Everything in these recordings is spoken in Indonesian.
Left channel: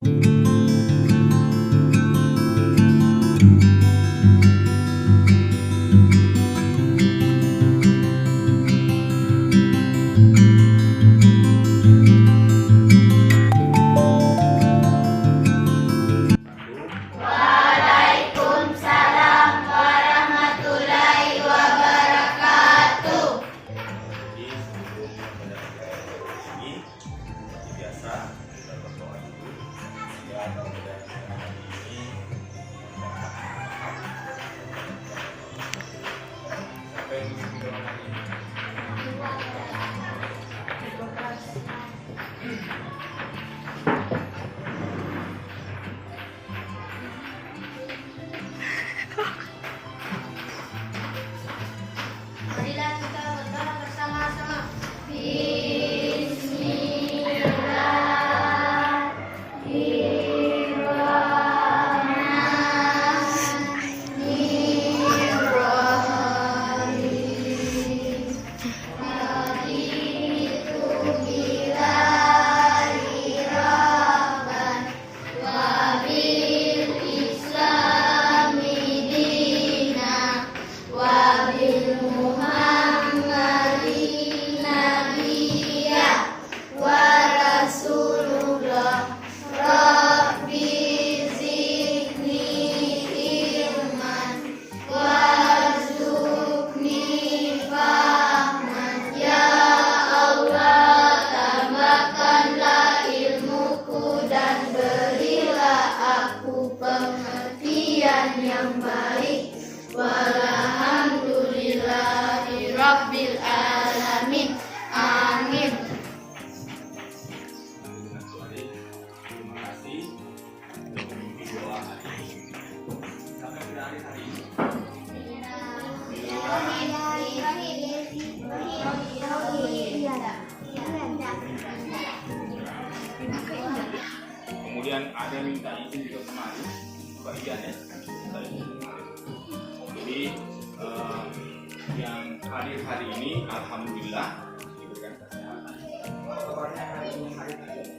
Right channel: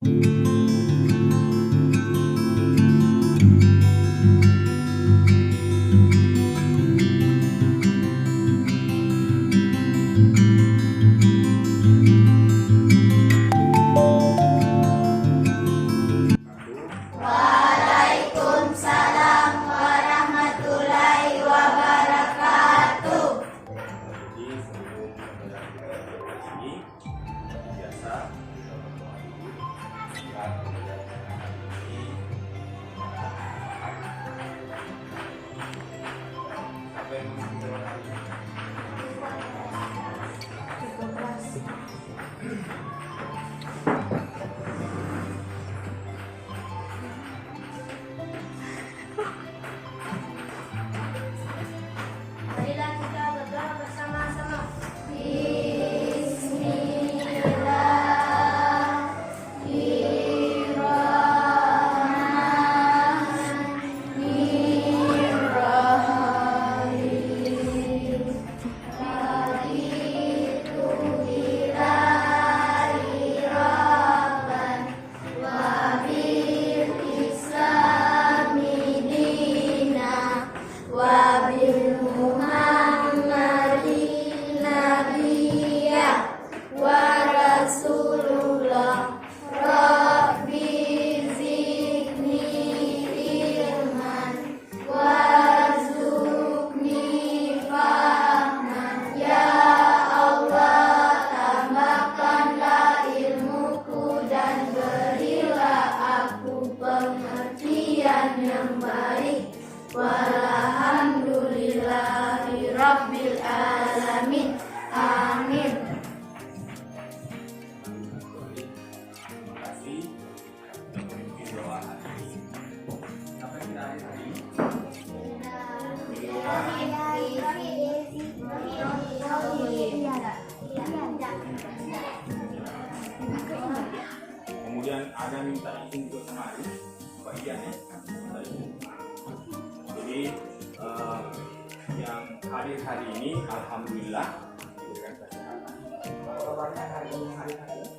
Waalaikumsalam warahmatullahi wabarakatuh. Jadi sebelum ini biasa kita berdoa dulu ya, mudah-mudahan hari ini apa yang mesti kita hari ini. Marilah kita berdoa bersama-sama. Pengertian yang baik. Walhamdulillahi rabbil alamin. Amin. Terima kasih untuk memimpin doa hari ini. Sampai kita hari ini. Kemudian ada minta izin juga kemarin bagian ya. Jadi yang hadir hari ini alhamdulillah diberikan kesehatan. Apa kabarnya hari ini hari ini?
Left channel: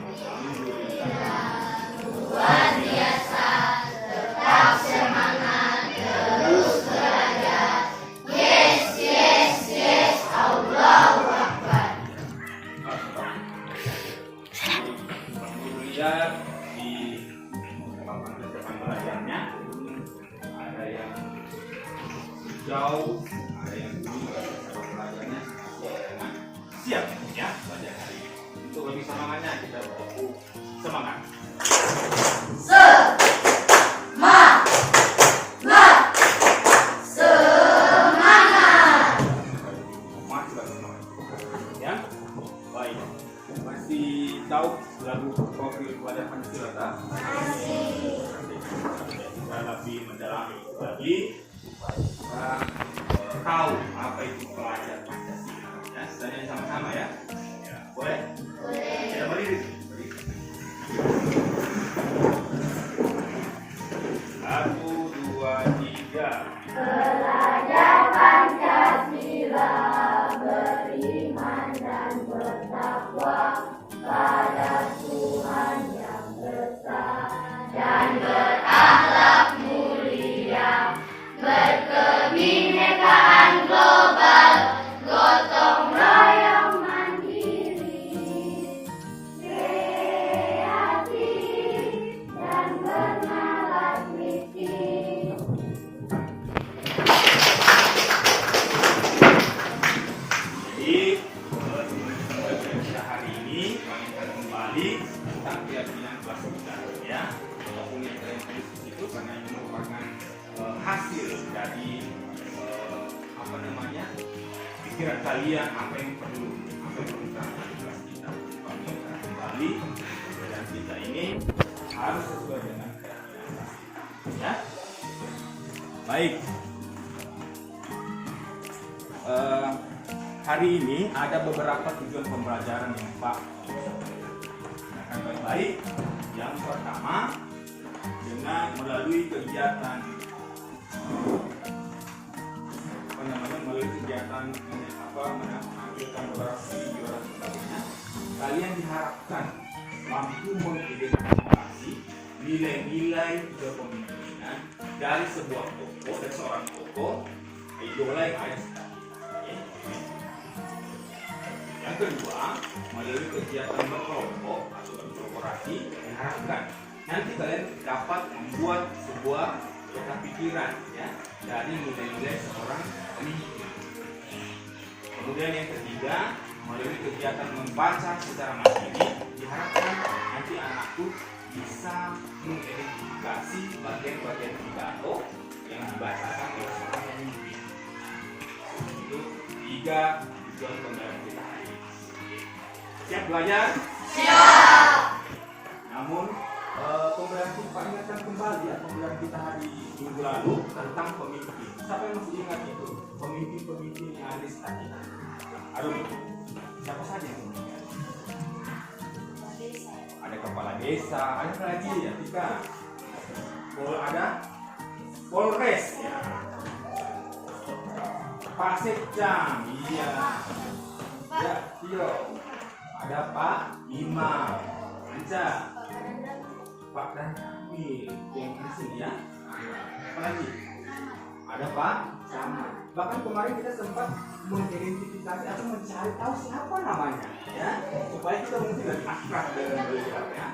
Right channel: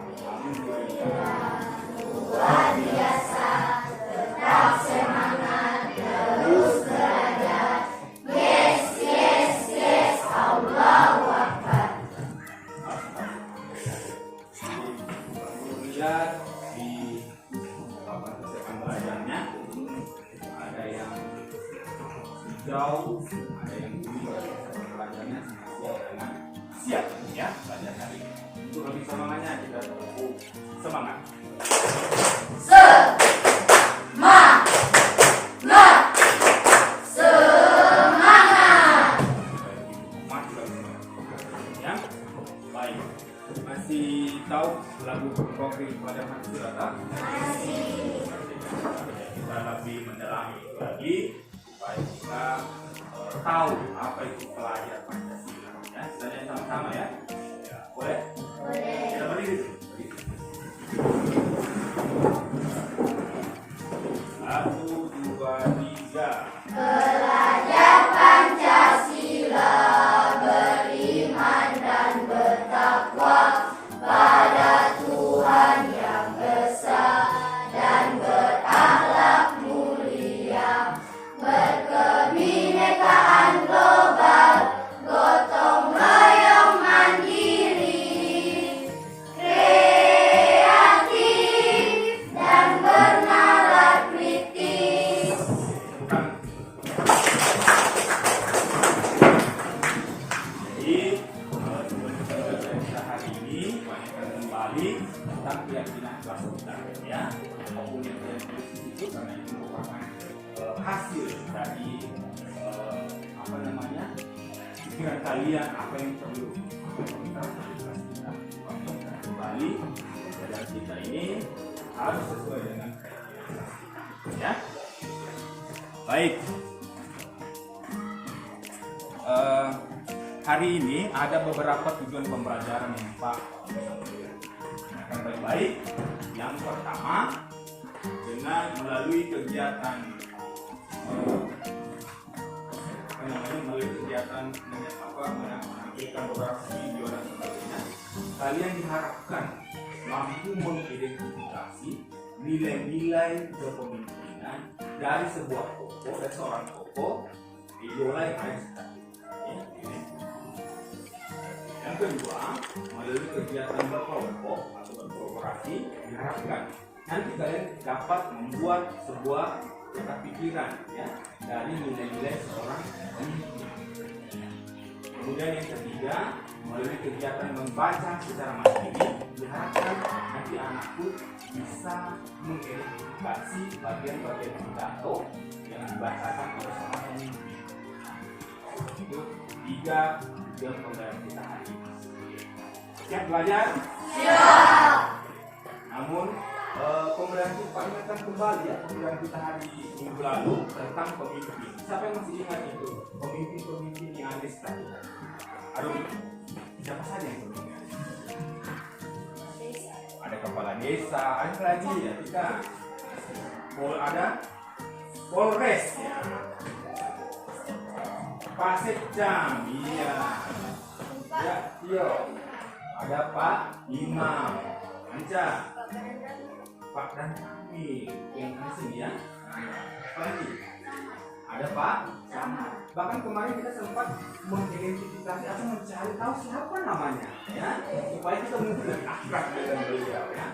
Alhamdulillah. Luar biasa. Tetap semangat. Terus belajar. Yes, yes, yes. Allahu Akbar. Lihat di persiapan belajarnya ada yang jauh, ada yang dulu persiapan belajarnya siap ya belajar hari ini. Untuk lebih semangatnya kita butuh semangat. Ya, baik. Masih tahu lagu profil pelajaran Silata? Masih. Kita lebih mendalami itu lagi supaya kita tahu apa itu pelajar Pancasila. Ya, kita sama-sama ya. Ya, boleh? Boleh. Kita berdiri. Satu, dua, tiga. Belajar Pancasila, beriman dan bertakwa pada Tuhan yang besar dan berakhlak mulia, berkebinekaan global, gotong royong mandiri, kreatif dan bernalar kritis. Jadi kita hari ini akan kembali tentang keyakinan kelas kita ya. Apapun yang kalian tulis di situ karena itu merupakan hasil dari apa namanya pikiran kalian, apa yang perlu kita lakukan di kelas kita. Kalau kita kembali pelajaran kita ini harus sesuai dengan keyakinan kelas kita ya. Baik. Hari ini ada beberapa tujuan pembelajaran yang Pak akan baik-baik. Yang pertama dengan melalui kegiatan melalui kegiatan menampilkan beberapa video dan sebagainya, kalian diharapkan mampu mengidentifikasi nilai-nilai kepemimpinan dari sebuah tokoh dan seorang tokoh idola yang ada sekitarnya. Yang kedua, melalui kegiatan berkelompok atau berkolaborasi diharapkan nanti kalian dapat membuat sebuah peta pikiran ya dari nilai-nilai seorang pemimpin. Kemudian yang ketiga, melalui kegiatan membaca secara mandiri diharapkan nanti anakku bisa mengidentifikasi bagian-bagian pidato yang dibacakan oleh seorang pemimpin. Itu 3 tujuan pembelajaran kita hari ini. Siap belajar? Siap. Namun pembelajaran kita ingatkan kembali ya pembelajaran kita hari minggu lalu tentang pemimpin. Siapa yang masih ingat itu? Pemimpin-pemimpin yang ada di sekitar kita. Aduh, siapa saja yang pemimpin? Ada kepala desa, ada lagi ya Tika. Ada Polres ya. Pak Sekjam, iya. Ya, Tio. Ada Pak Imam, Anca, Pak dan Kami, yang asing ya. Apa lagi? Ada Pak Sama. Bahkan kemarin kita sempat mengidentifikasi atau mencari tahu siapa namanya, ya, supaya kita mungkin lebih akrab dengan beliau, ya.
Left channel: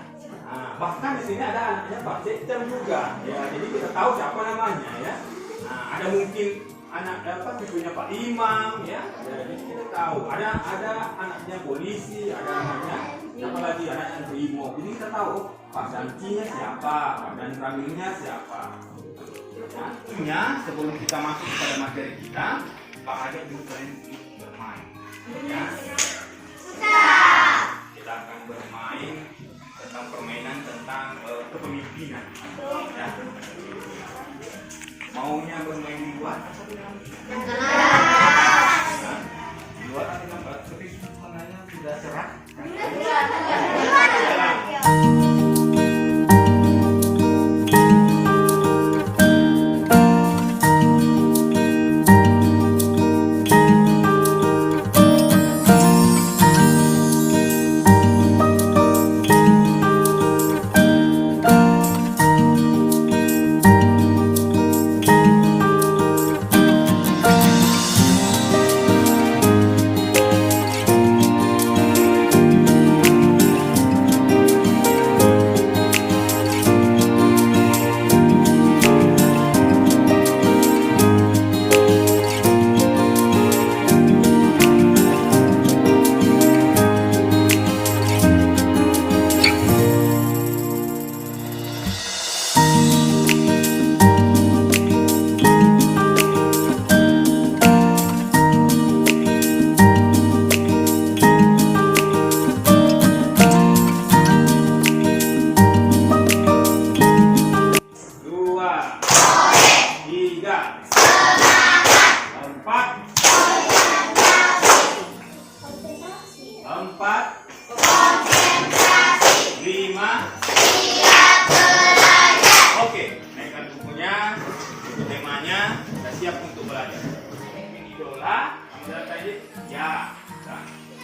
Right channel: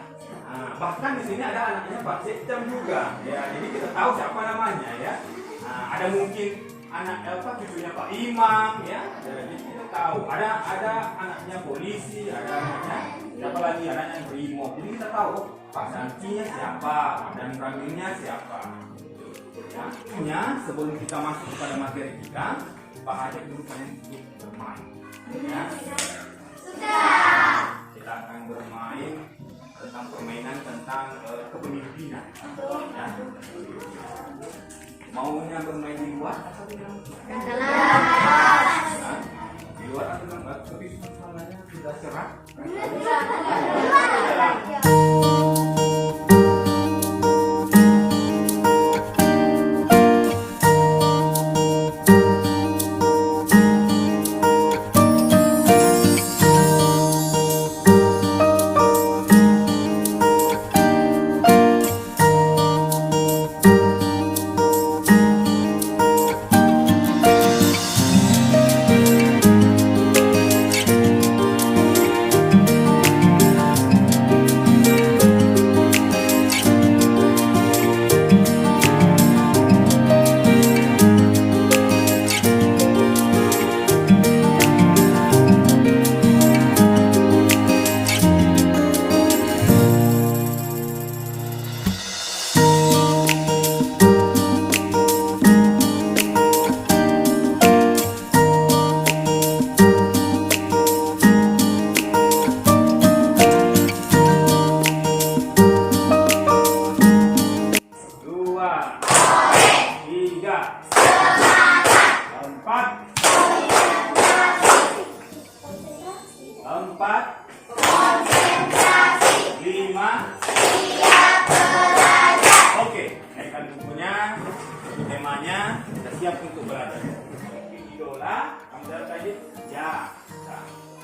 Nah, bahkan di sini ada anaknya Pak Sekjam juga, ya. Jadi kita tahu siapa namanya, ya. Nah, ada mungkin anak cucunya Pak Imam, ya. Jadi kita tahu. Ada anaknya polisi, ada anaknya siapa lagi, anaknya Brimob. Jadi kita tahu Pak Sancinya siapa, dan Ramilnya siapa. Ya, sebelum kita masuk kepada materi kita, Pak Ade dulu kalian bermain. Ya. Kita akan bermain tentang permainan tentang kepemimpinan. Ya. Maunya bermain di luar atau di dalam? Di luar atau di dalam? Tapi sebenarnya sudah cerah.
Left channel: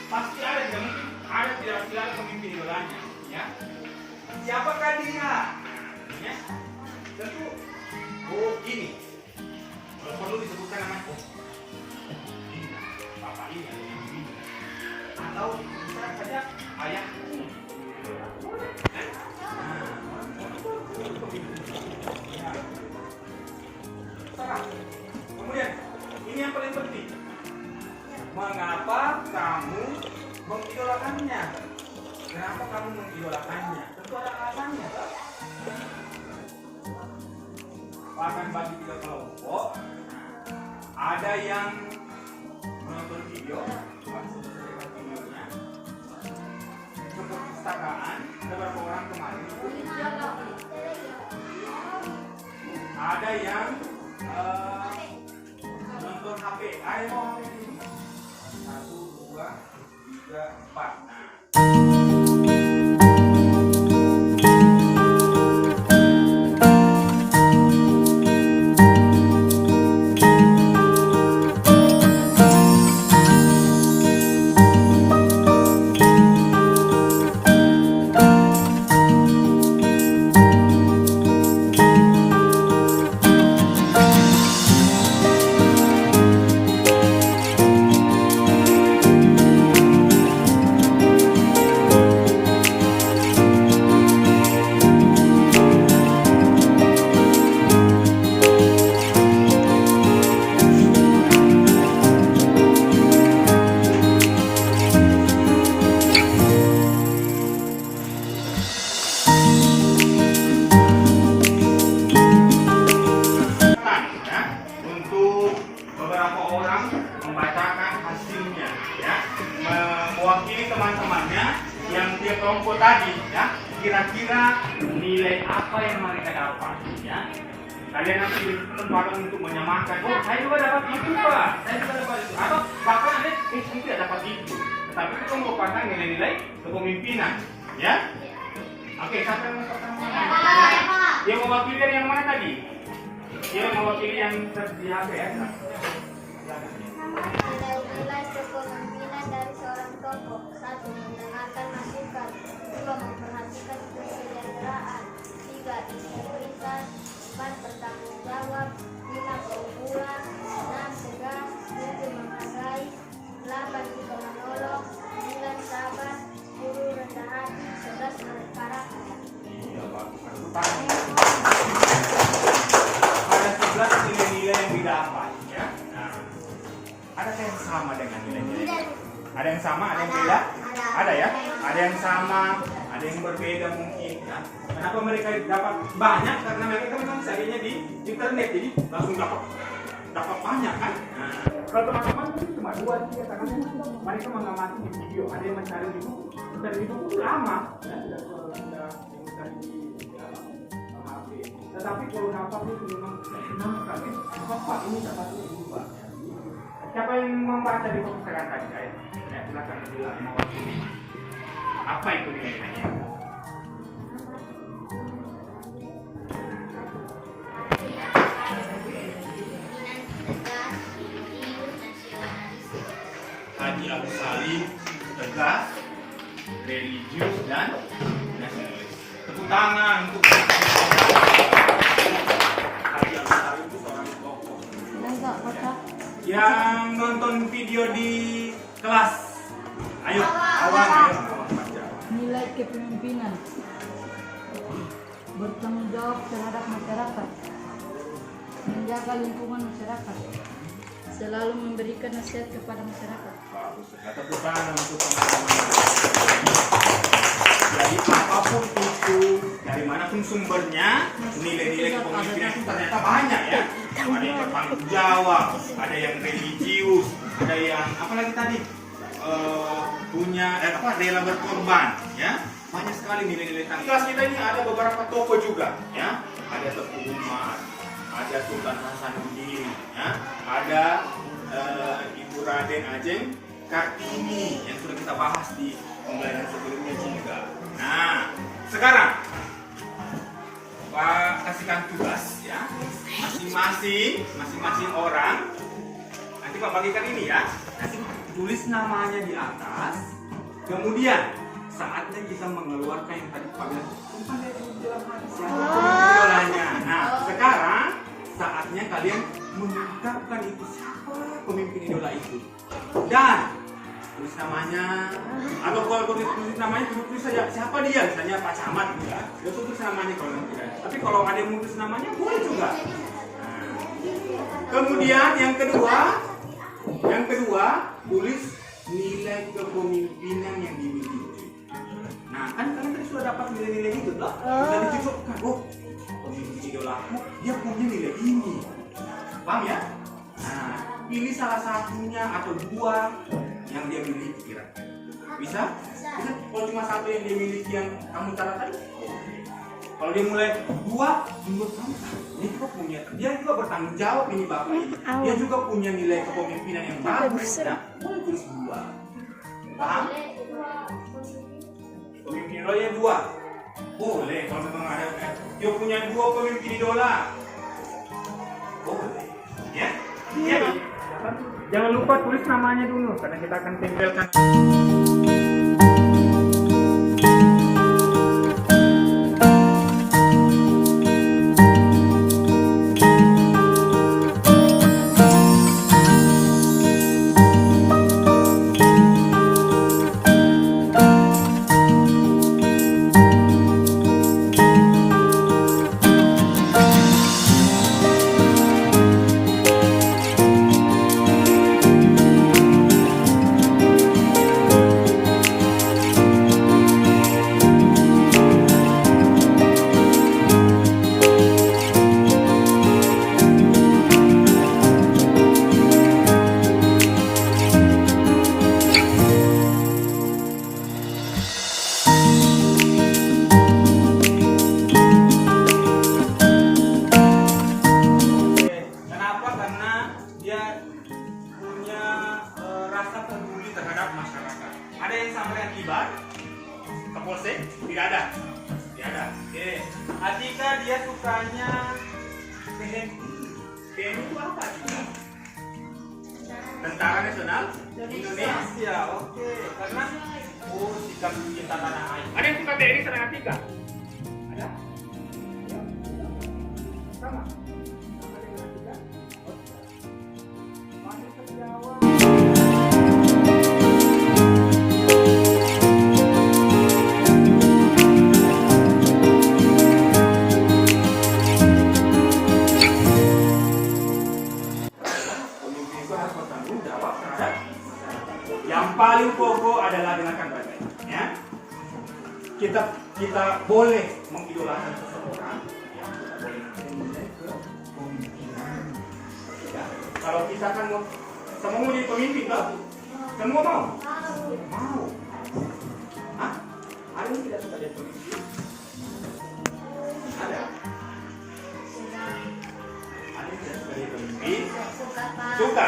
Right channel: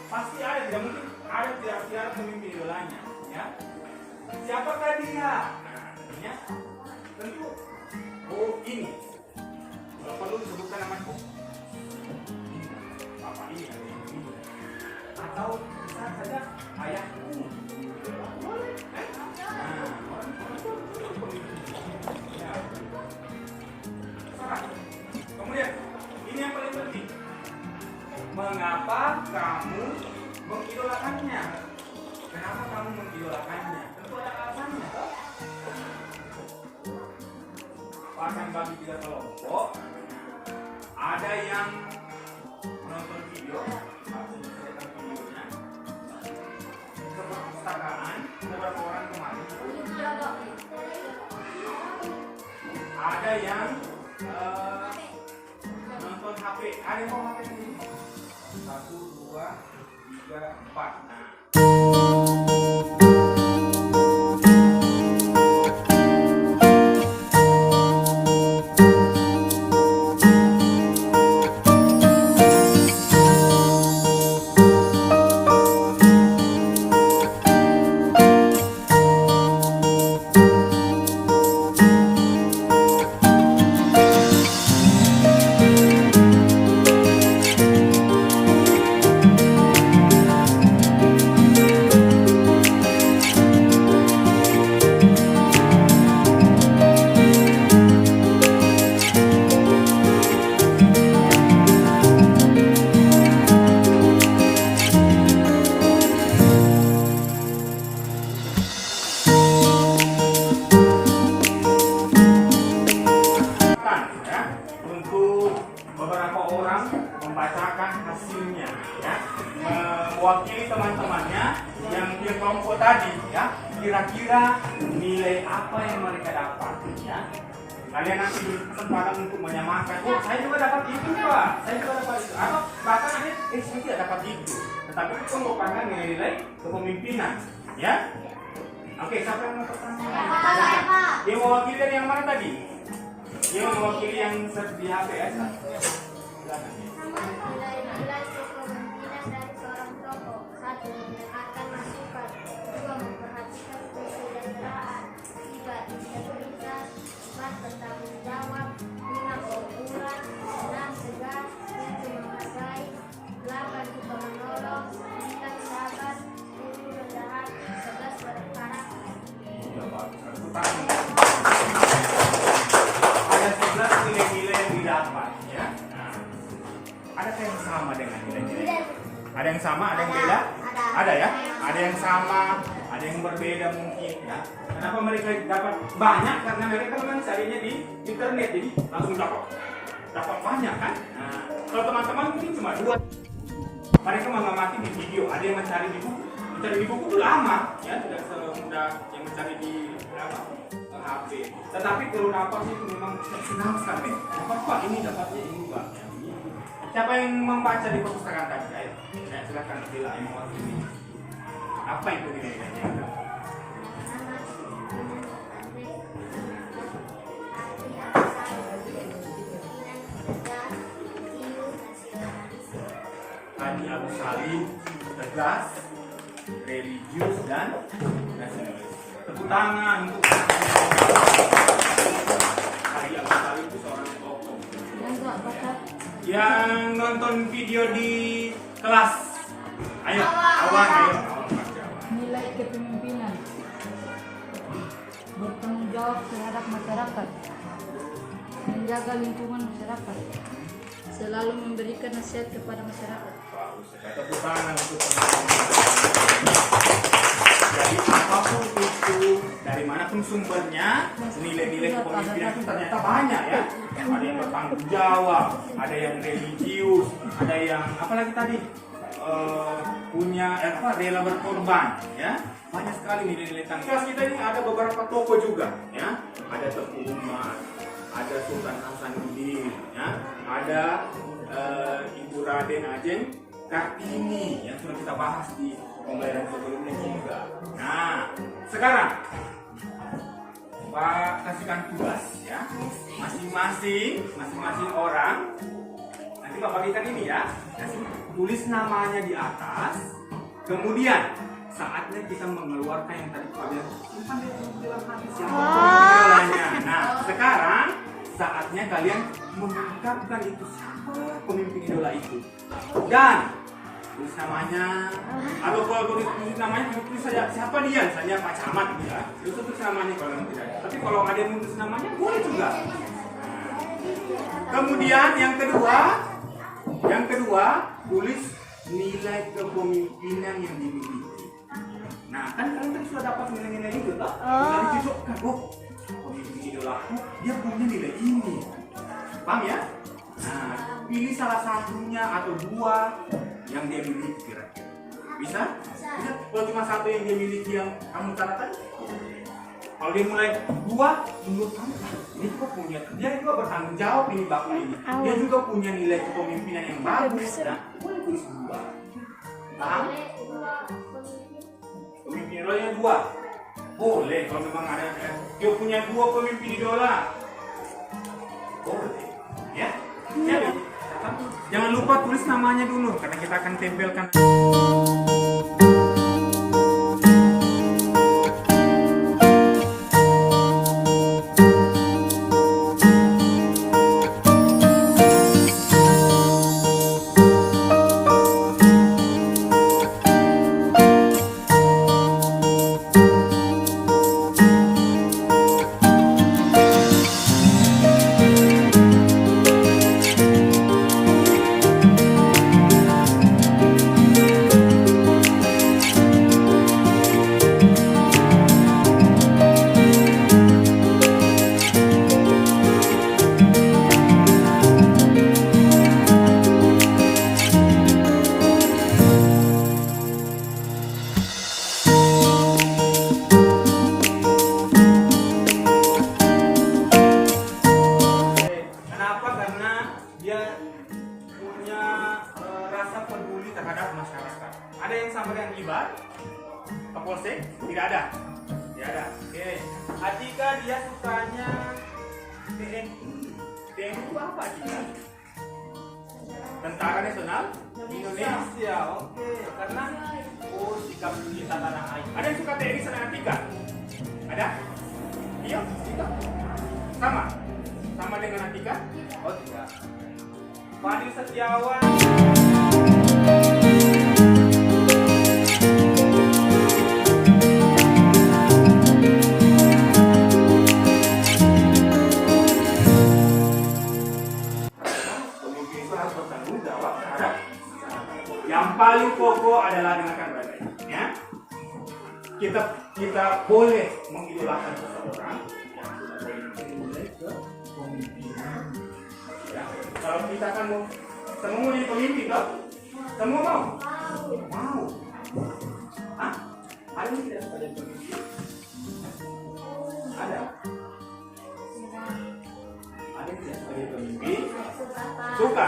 Pasti ada, tidak mungkin ada tidak pemimpin idolanya, ya. Siapakah dia? Ya, tentu ini. Kalau perlu disebutkan namanya, ini bapak ini atau ini, atau bisa saja ayahku. Kemudian ini yang paling penting. Mengapa kamu mengidolakannya? Kenapa kamu mengidolakannya? Tentu ada alasannya, kan? Akan bagi 3 kelompok. Ada yang menonton video, videonya. Keperpustakaan, ada berapa orang kemarin? Ada yang nonton HP. Ada yang mau HP ini? 1, 2, 3, 4. tadi ya, kira-kira nilai apa yang mereka dapat ya. Kalian nanti kesempatan untuk menyamakan, oh saya juga dapat itu Pak, saya juga dapat itu, atau bahkan nanti saya tidak dapat itu, tetapi itu merupakan nilai-nilai kepemimpinan ya. Oke, siapa yang mau pertama? Dia mewakili dari yang mana tadi? Dia mewakili yang di HPS. Nilai kepemimpinan dari seorang tokoh. 1. Mendengarkan masukan. 2. Memperhatikan kesejahteraan. 3. Integritas. 4. Bertanggung jawab. 5. Pemula. 6. Tegas. 7. Menghargai. 8. Juga menolong. 9. Sabar. 10. Rendah hati. 11. Berkarakter. Ada 11 nilai-nilai yang didapat ya. Nah, adakah yang sama dengan nilai-nilai? Ada yang sama, ada yang beda? Ada ya? Ada yang sama, ada yang berbeda mungkin ya. Kenapa mereka dapat banyak? Karena mereka kan memang carinya di internet, jadi langsung dapat banyak kan. Nah, kalau teman-teman mungkin cuma 2, mereka mengamati di video. Ada yang mencari di buku. Mencari di buku itu lama ya, tidak semudah yang mencari di HP. Tetapi kalau dapat itu memang senang sekali. Pak ini dapatnya ini Pak. Siapa yang membaca di perpustakaan tadi? Silakan bila yang mewakili. Apa itu nilai-nilainya? Haji Agus Salim, tegas, religius dan nasionalis. Tepuk tangan untuk Haji Agus Salim itu seorang tokoh yang nonton video di kelas. Ayo, awan baca. Nilai kepemimpinan, bertanggung jawab terhadap masyarakat, menjaga lingkungan masyarakat, selalu memberikan nasihat kepada masyarakat. Bagus, tepuk tangan untuk jadi apapun itu, dari manapun sumbernya, nilai-nilai kepemimpinan itu ternyata banyak ya. Ada yang bertanggung jawab, ada yang religius, ada yang apa lagi tadi? Punya rela berkorban ya. Banyak sekali nilai-nilai tanggung. Kelas kita ini ada beberapa tokoh juga ya. Ada Teguh Umar, ada Sultan Hasanuddin ya, ada Ibu Raden Ajeng Kartini yang sudah kita bahas di pembelajaran sebelumnya juga. Nah, sekarang Pak kasihkan tugas ya, masing-masing orang. Nanti Pak bagikan ini ya. Nanti tulis namanya di atas. Kemudian saatnya kita mengeluarkan yang tadi Pak bilang, simpan di dalam hati siapa idolanya. Nah, sekarang saatnya kalian mengungkapkan itu siapa pemimpin idola itu. Dan tulis namanya, atau kalau tulis namanya tulis saja siapa dia, misalnya Pak Camat ya, itu tulis namanya kalau tidak. Tapi kalau ada yang tulis namanya boleh juga. Nah, kemudian yang kedua tulis nilai kepemimpinan yang dimiliki. Nah kan kalian tadi sudah dapat nilai-nilai itu toh, sudah dicocokkan. Oh, pemimpin idolaku dia punya nilai ini, paham ya? Nah, pilih salah satunya atau 2 yang dia miliki kira-kira. Bisa? Kalau cuma 1 yang dia miliki yang kamu tanda tadi, kalau dia mulai 2, menurut kamu ini juga punya, dia juga bertanggung jawab ini bapak ini, dia juga punya nilai kepemimpinan yang bagus. Nah, boleh tulis 2. Paham? Pemimpin idolanya 2. Boleh kalau memang ada dia punya 2 pemimpin idola. Boleh. Ya? Ya. Jangan lupa tulis namanya dulu karena kita akan tempelkan. Atika dia sukanya TNI. TNI itu apa Atika? Tentara Nasional Indonesia. Oke, karena sikap cinta tanah air. Ada yang suka TNI selain Atika? Ada? Iya, kita. Sama dengan Atika? Oh tidak. Fadil Setiawan. Yang paling pokok adalah dengarkan baik-baik, ya. Kita boleh mengidolakan seseorang, ya. Kita boleh menilai kepemimpinan. Ya. Kalau kita kan semua mau jadi pemimpin, toh? Semua mau? Mau. Hah? Ada yang tidak suka jadi pemimpin? Ada. Ada yang tidak suka jadi pemimpin? Suka.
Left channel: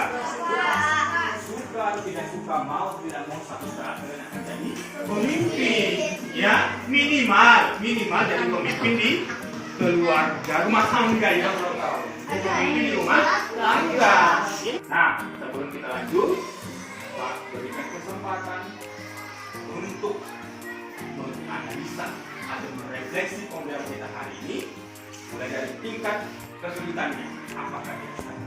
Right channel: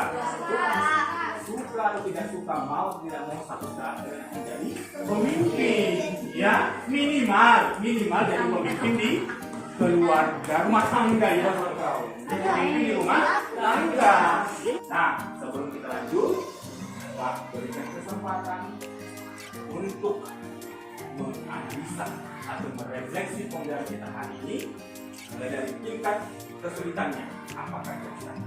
Suka atau tidak suka, mau tidak mau satu saat akan jadi pemimpin, ya. Minimal jadi pemimpin di keluarga, rumah tangga, ya. Pemimpin di rumah tangga. Nah, sebelum kita lanjut, Pak berikan kesempatan untuk menganalisa atau merefleksi pembelajaran kita hari ini, mulai dari tingkat kesulitannya. Apakah dia bisa?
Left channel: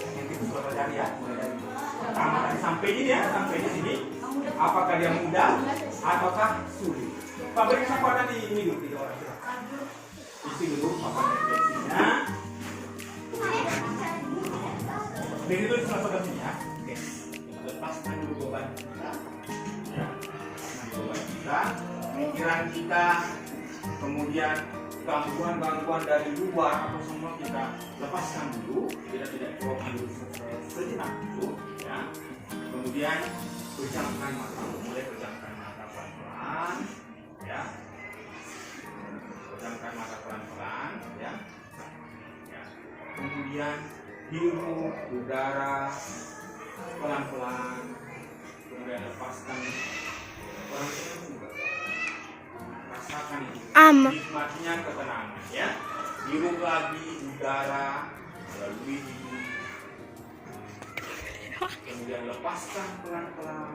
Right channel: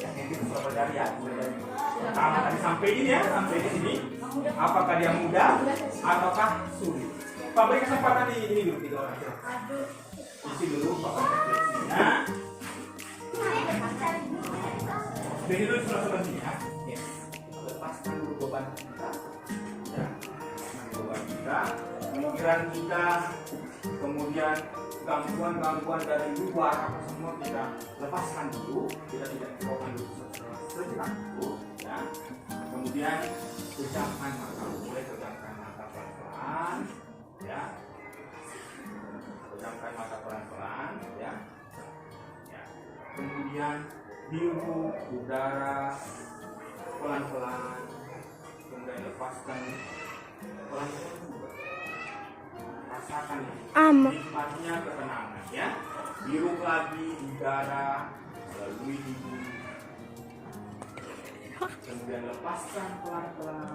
Yang kita sudah pelajari, ya, mulai dari pertama tadi sampai ini, ya, sampai di sini. Apakah dia mudah ataukah sulit? Pak beri kesempatan ini dulu, 3 orang. Isi dulu papan refleksinya. Beri dulu sebelah sini, ya. Oke. Kita lepaskan dulu beban kita. Ya. Beban kita, pikiran kita, kemudian gangguan-gangguan dari luar apa semua kita lepaskan dulu, kita tidak coba dulu sejenak dulu, ya. Kemudian pejamkan mata, mulai pejamkan mata pelan-pelan, ya. Pejamkan mata pelan-pelan, ya. Ya. Kemudian hirup udara pelan-pelan, kemudian lepaskan pelan-pelan juga. Rasakan itu. Nikmatnya ketenangan, ya. Hirup lagi udara melalui hidung, kemudian lepaskan pelan-pelan.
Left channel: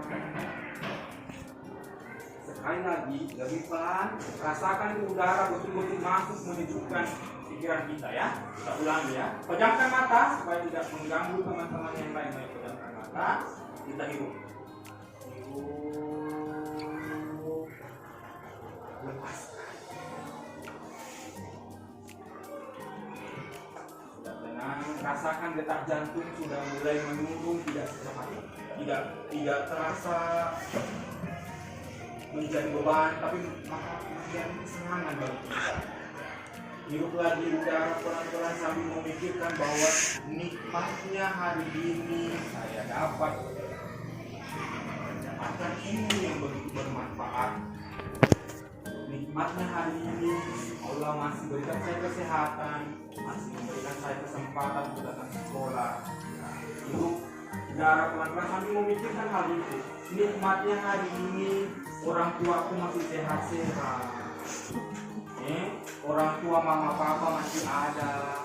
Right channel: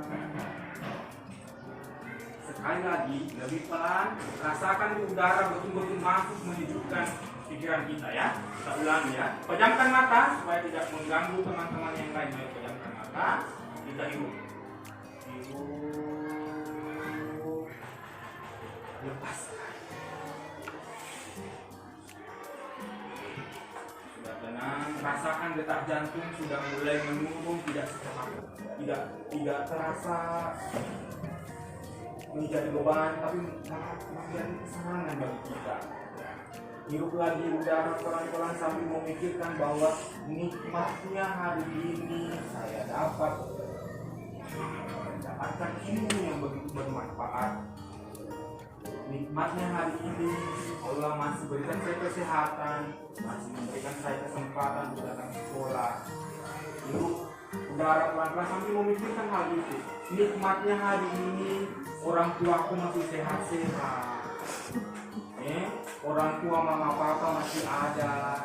Sekali lagi lebih pelan, rasakan udara betul-betul masuk menyejukkan pikiran kita, ya. Kita ulangi, ya. Pejamkan mata supaya tidak mengganggu teman-teman yang lain. Pejamkan mata, kita hirup. Lepaskan. Sudah tenang, rasakan detak jantung sudah mulai menurun, tidak secepat, tidak terasa menjadi beban, tapi menjadi kesenangan bagi kita. Hirup lagi udara pelan-pelan sambil memikirkan bahwa nikmatnya hari ini saya dapat mendapatkan ilmu yang begitu bermanfaat. Nikmatnya hari ini Allah masih berikan saya kesehatan, masih memberikan saya kesempatan untuk datang ke sekolah. Hirup udara pelan-pelan sambil memikirkan hal itu. Nikmatnya hari ini orang tuaku masih sehat-sehat. Orang tua mama papa masih ada.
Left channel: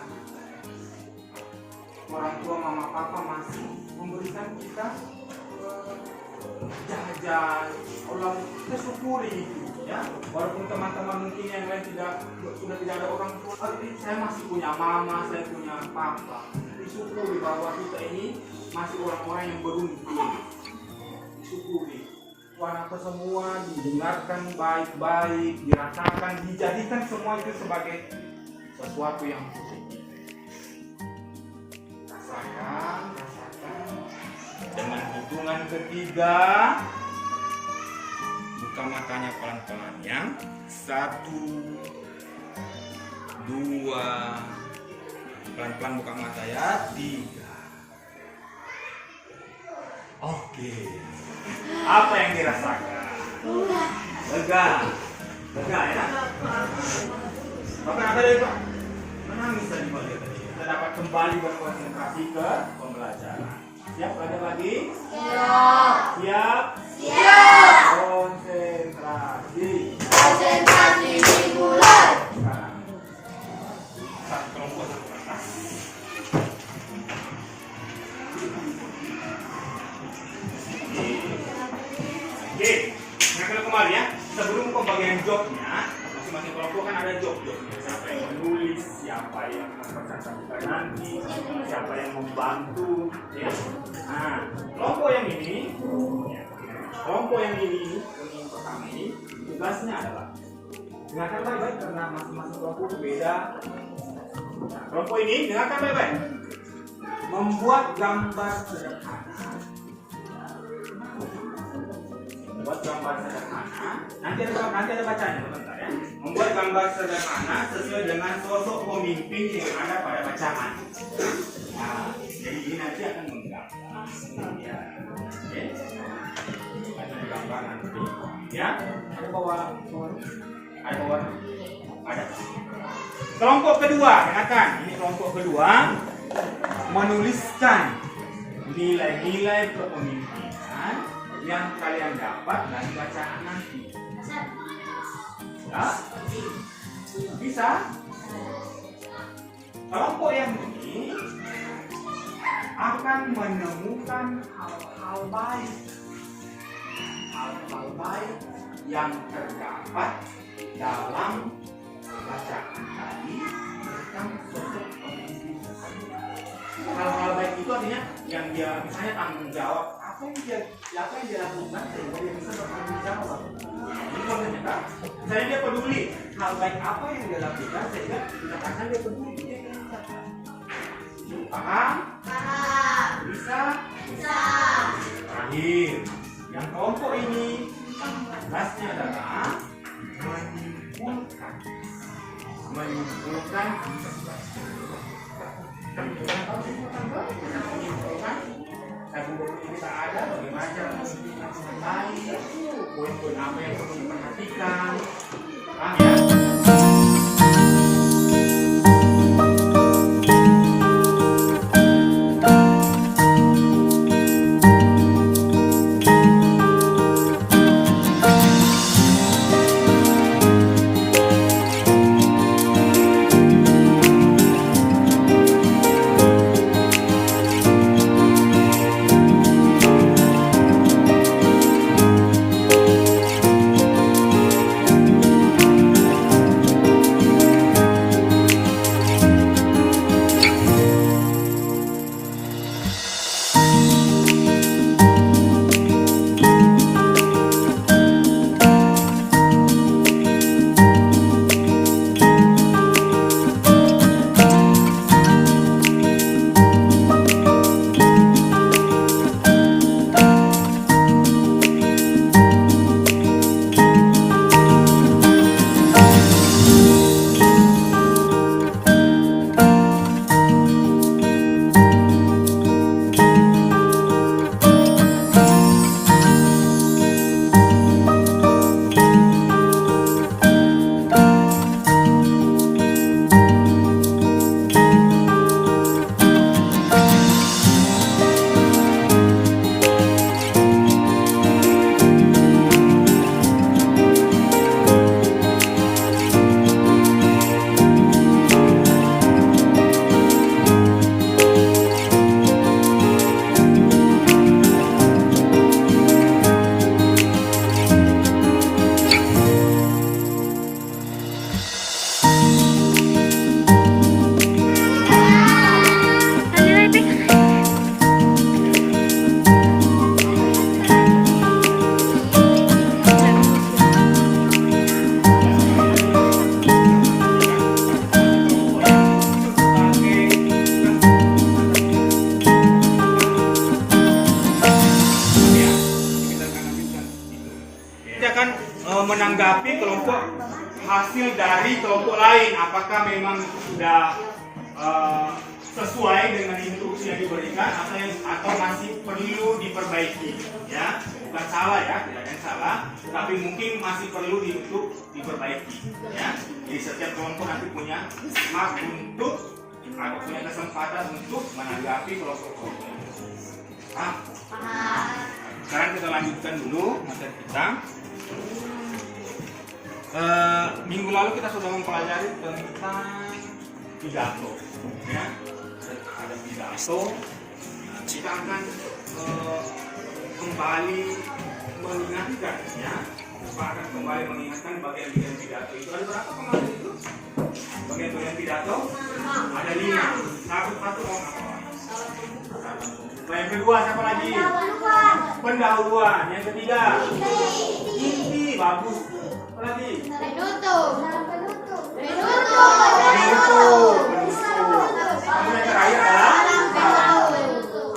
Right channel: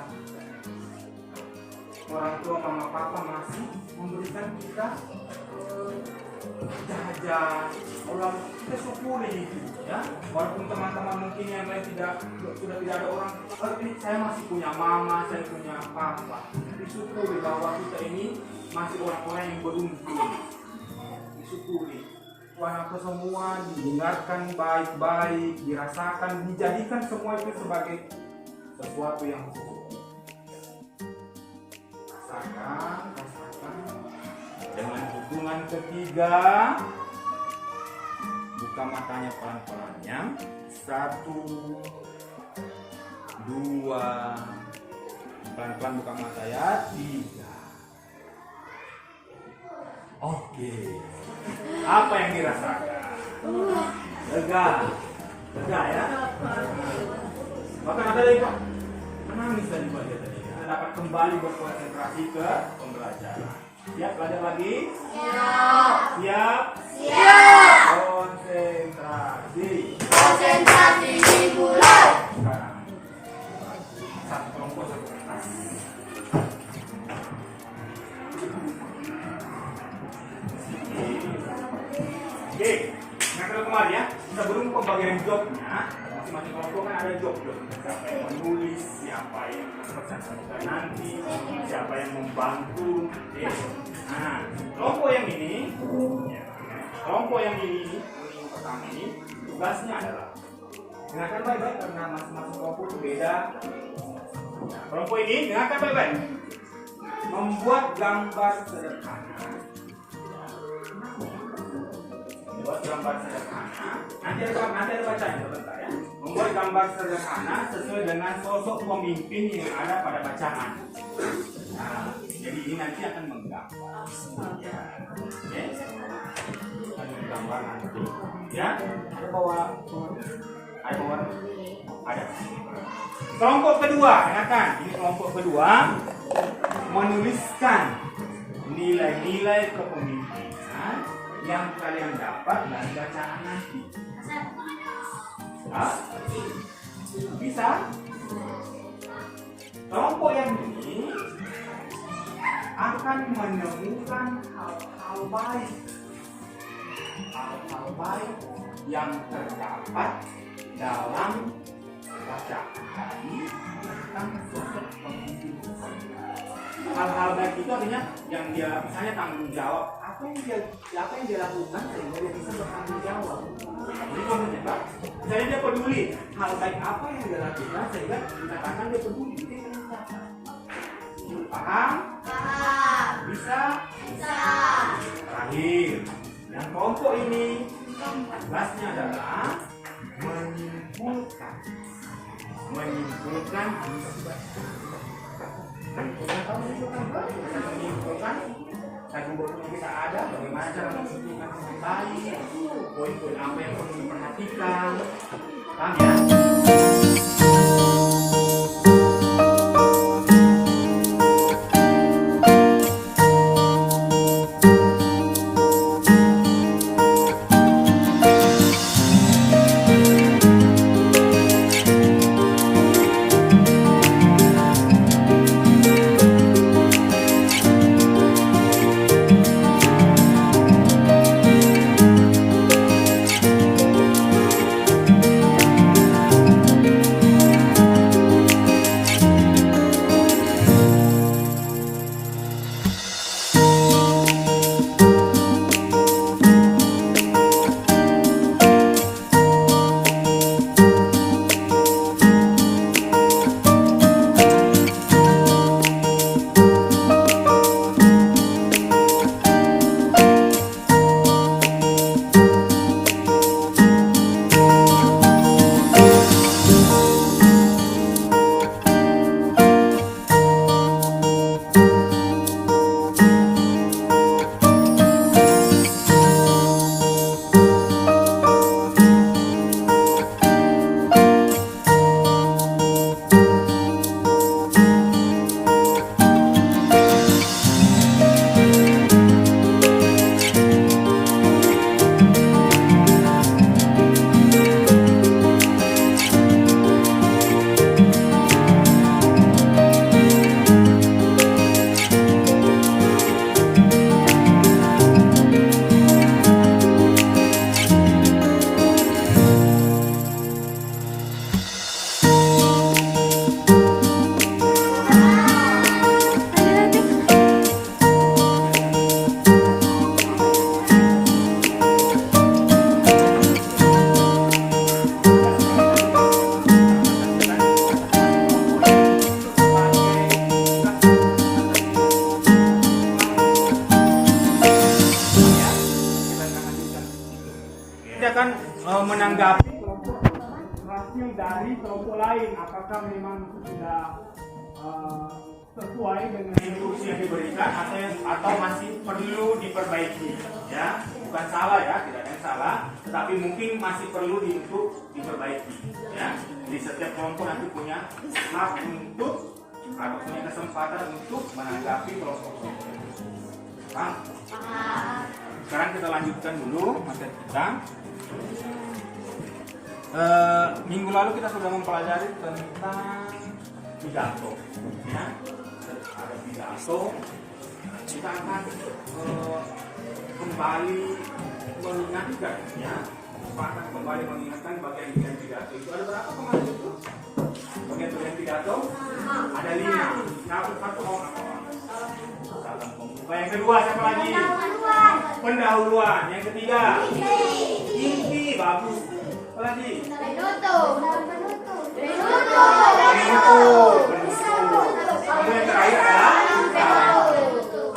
Orang tua mama papa masih memberikan kita jajan. Allah, kita syukuri itu, ya. Walaupun teman-teman mungkin yang lain sudah tidak ada orang tua, tapi saya masih punya mama, saya punya papa. Disyukuri bahwa kita ini masih orang-orang yang beruntung. Disyukuri. Anak semua didengarkan baik-baik, dirasakan, dijadikan semua itu sebagai sesuatu yang positif. Rasakan. Dengan hitungan ketiga, buka matanya pelan-pelan, ya. 1, 2, pelan-pelan buka mata, ya. 3. Oke. Apa yang dirasakan? Lega, ya. Bahkan ada dari Pak menangis tadi Pak. Kita dapat kembali berkonsentrasi ke pembelajaran. Siap belajar lagi? Siap. Konsentrasi. Konsentrasi. sebelum pembagian jobnya, masing-masing kelompok kan ada job-jobnya. Siapa yang menulis, siapa yang mempresentasikan nanti, siapa yang membantu. Ya. Nah, kelompok yang ini, yang pertama ini, tugasnya adalah dengarkan baik-baik karena masing-masing kelompok berbeda. Nah, kelompok ini dengarkan baik-baik. Membuat gambar sederhana. Nanti ada bacanya sebentar ya. Membuat gambar sederhana sesuai dengan sosok pemimpin yang ada pada bacaan. Nah, jadi ini nanti akan menggambar. Ya. Ada gambar nanti. Ya. Ada bawa. Ada. Kelompok kedua, dengarkan. Ini kelompok kedua menuliskan nilai-nilai kepemimpinan yang kalian dapat dari bacaan nanti. Ya? Bisa? Kelompok yang ini akan menemukan hal-hal baik. Hal-hal baik yang terdapat dalam bacaan tadi tentang sosok pemimpin. Hal-hal baik itu artinya yang dia misalnya tanggung jawab, apa yang dia lakukan sehingga dia bisa bertanggung jawab. Ini kontennya kan? Misalnya dia peduli, hal baik apa yang dia lakukan sehingga dikatakan dia peduli. Paham? Paham. Bisa? Bisa. Terakhir, yang kelompok ini tugasnya adalah menyimpulkan. Buku kita ada, bagaimana cara menyimpulkan dengan baik, poin-poin apa yang perlu diperhatikan. Paham ya? menanggapi kelompok hasil dari kelompok lain, apakah memang sudah sesuai dengan instruksi yang diberikan atau masih perlu diperbaiki, ya. Bukan salah ya, tidak ada yang salah, tapi mungkin masih perlu untuk diperbaiki, ya. Jadi setiap kelompok nanti punya hak untuk atau punya kesempatan untuk menanggapi kelompok-kelompok. Paham? Sekarang kita lanjutkan dulu materi kita. Minggu lalu kita sudah mempelajari tentang pidato, ya. Ada pidato. Kita akan kembali mengingatkan, ya, Pak akan kembali mengingatkan bagian pidato itu. Ada berapa kemarin itu? Bagian pidato? Ada 5. Satu orang. Salam pembuka. Yang kedua siapa lagi? Pendahuluan. Yang ketiga? Inti. Bagus. Apa lagi? Penutup. Penutup. Kemudian yang terakhir adalah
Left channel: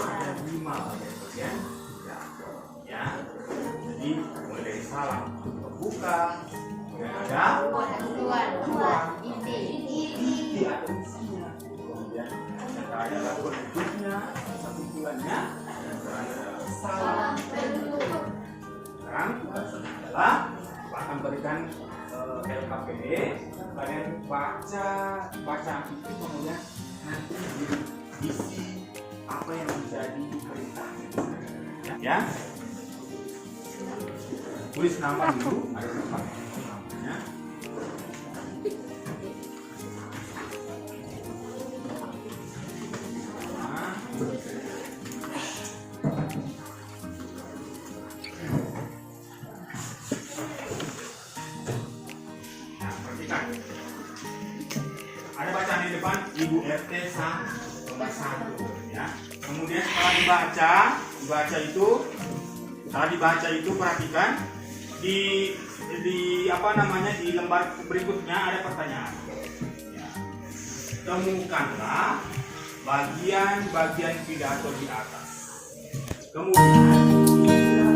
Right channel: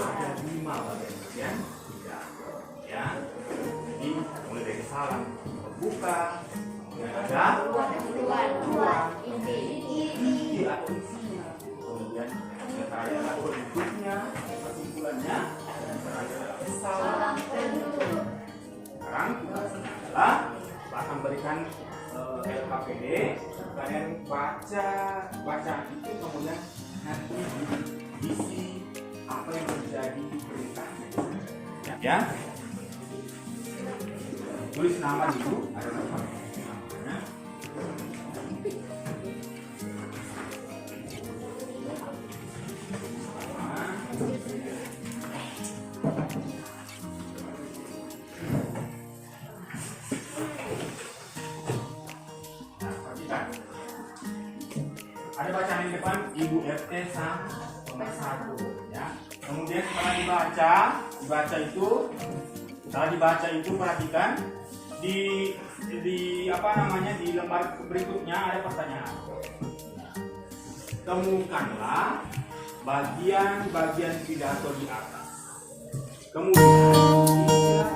ada 5 bagian pidato. Ya. Jadi mulai dari salam pembuka. Yang ada inti atau isinya. Kemudian yang terakhir adalah penutupnya, kesimpulannya, dan terakhir adalah salam penutup. Sekarang tugasnya adalah Pak akan berikan LKPD, kalian baca bacaan itu, kemudian nanti diisi apa yang menjadi perintahnya. Ya, tulis nama dulu, ada namanya. Ada bacaan di depan Ibu RT nomor 1 ya. Kemudian setelah dibaca itu, perhatikan di apa namanya, di lembar berikutnya ada pertanyaan. Ya. Temukanlah bagian-bagian pidato di atas. Kemudian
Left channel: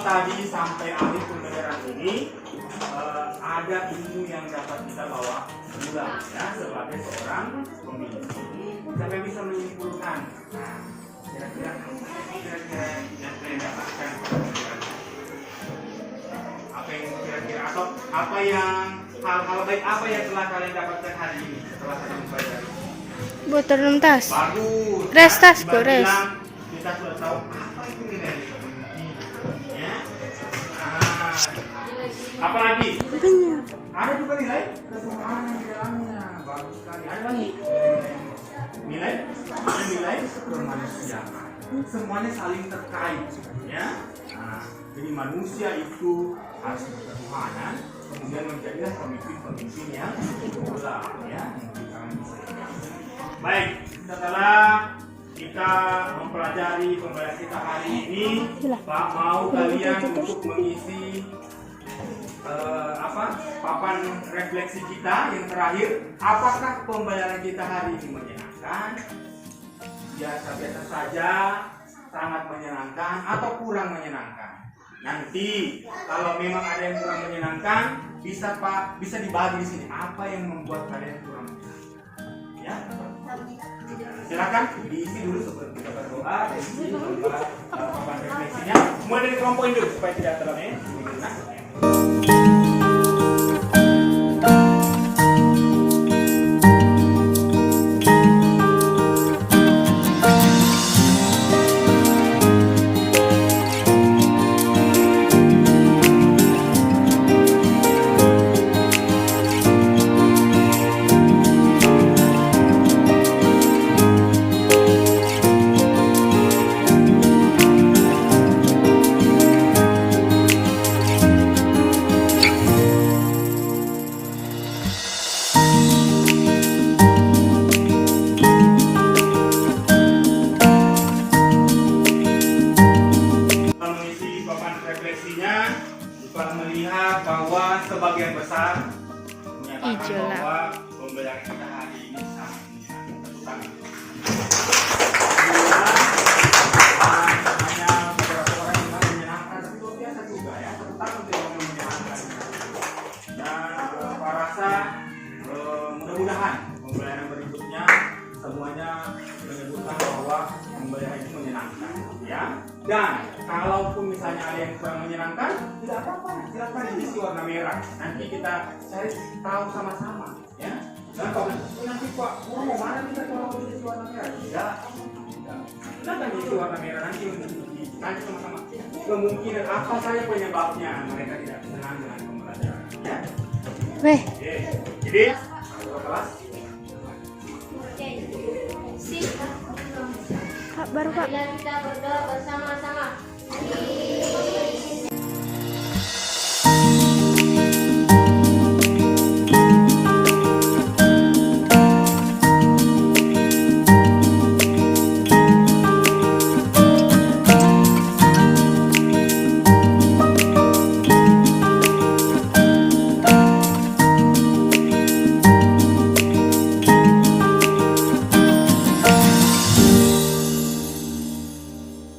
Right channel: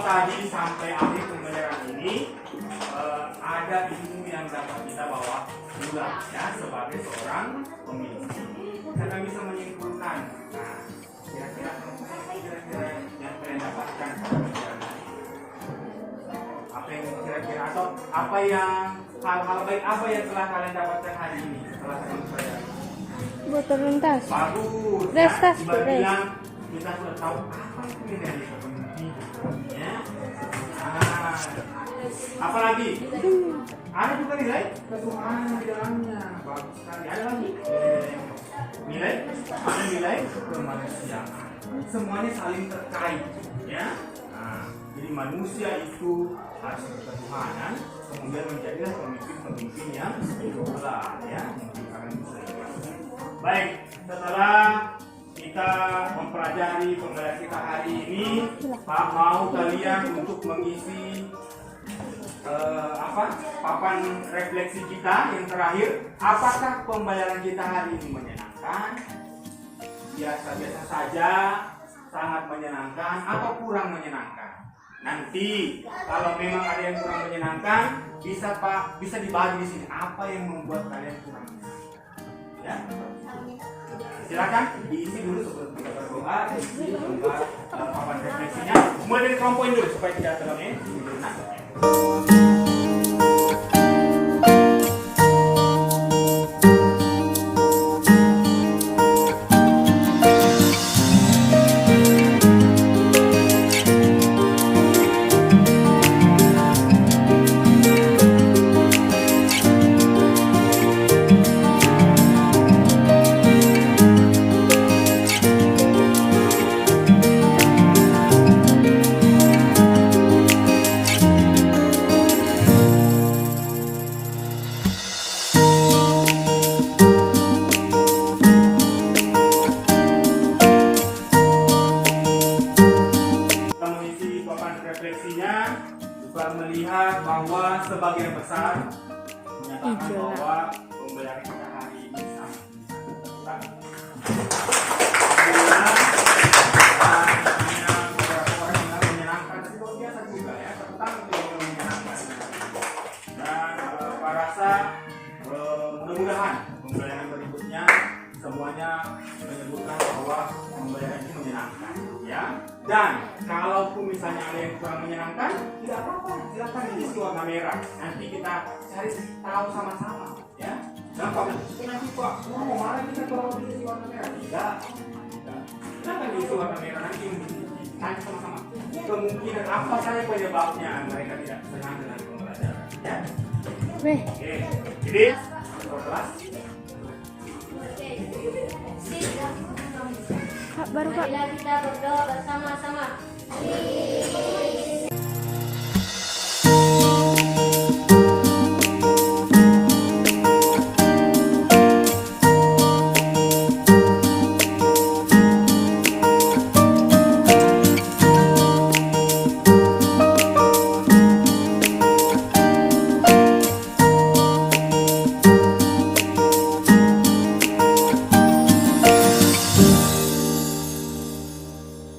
tadi sampai akhir pembelajaran ini ada ilmu yang dapat kita bawa pulang ya sebagai seorang pemimpin. Kita bisa menyimpulkan kira-kira yang kalian dapatkan apa yang kira-kira atau apa yang hal-hal baik apa yang telah kalian dapatkan hari ini setelah kalian belajar. Botol tas. Bagus. Res tas, res. Kita sudah tahu apa itu nilai pemimpin. Ya. Apa lagi? Ada juga nilai kesukaan yang di dalamnya. Bagus sekali. Ada lagi nilai kemanusiaan. Semuanya saling terkait, ya. Nah, jadi manusia itu harus berketuhanan, kemudian menjadilah pemimpin yang pula, ya. Baik, setelah kita mempelajari pembelajaran kita hari ini, Pak mau kalian untuk mengisi papan refleksi kita yang terakhir. Apakah pembelajaran kita hari ini menyenangkan, biasa-biasa saja, sangat menyenangkan, atau kurang menyenangkan? Nanti kalau memang ada yang kurang menyenangkan, bisa dibagi di sini. Apa yang membuat kalian kurang menyenangkan? Ya, silakan diisi dulu seperti kita berdoa, diisi lembar papan refleksinya. Mulai dari kelompok ini dulu supaya tidak terlalu Dan kalaupun misalnya ada yang kurang menyenangkan, tidak apa-apa, silakan diisi warna merah. Nanti kita cari tahu sama-sama, ya. Gampang. Nanti Pak, mana kita kalau diisi warna merah? Tidak. Silakan diisi warna merah nanti tanya sama-sama. Kemungkinan apa saja penyebabnya mereka tidak senang dengan pembelajaran, ya. Weh, Oke. Jadi, kelas. Oke. Sip. Kak baru Kak. Bila kita berdoa bersama-sama.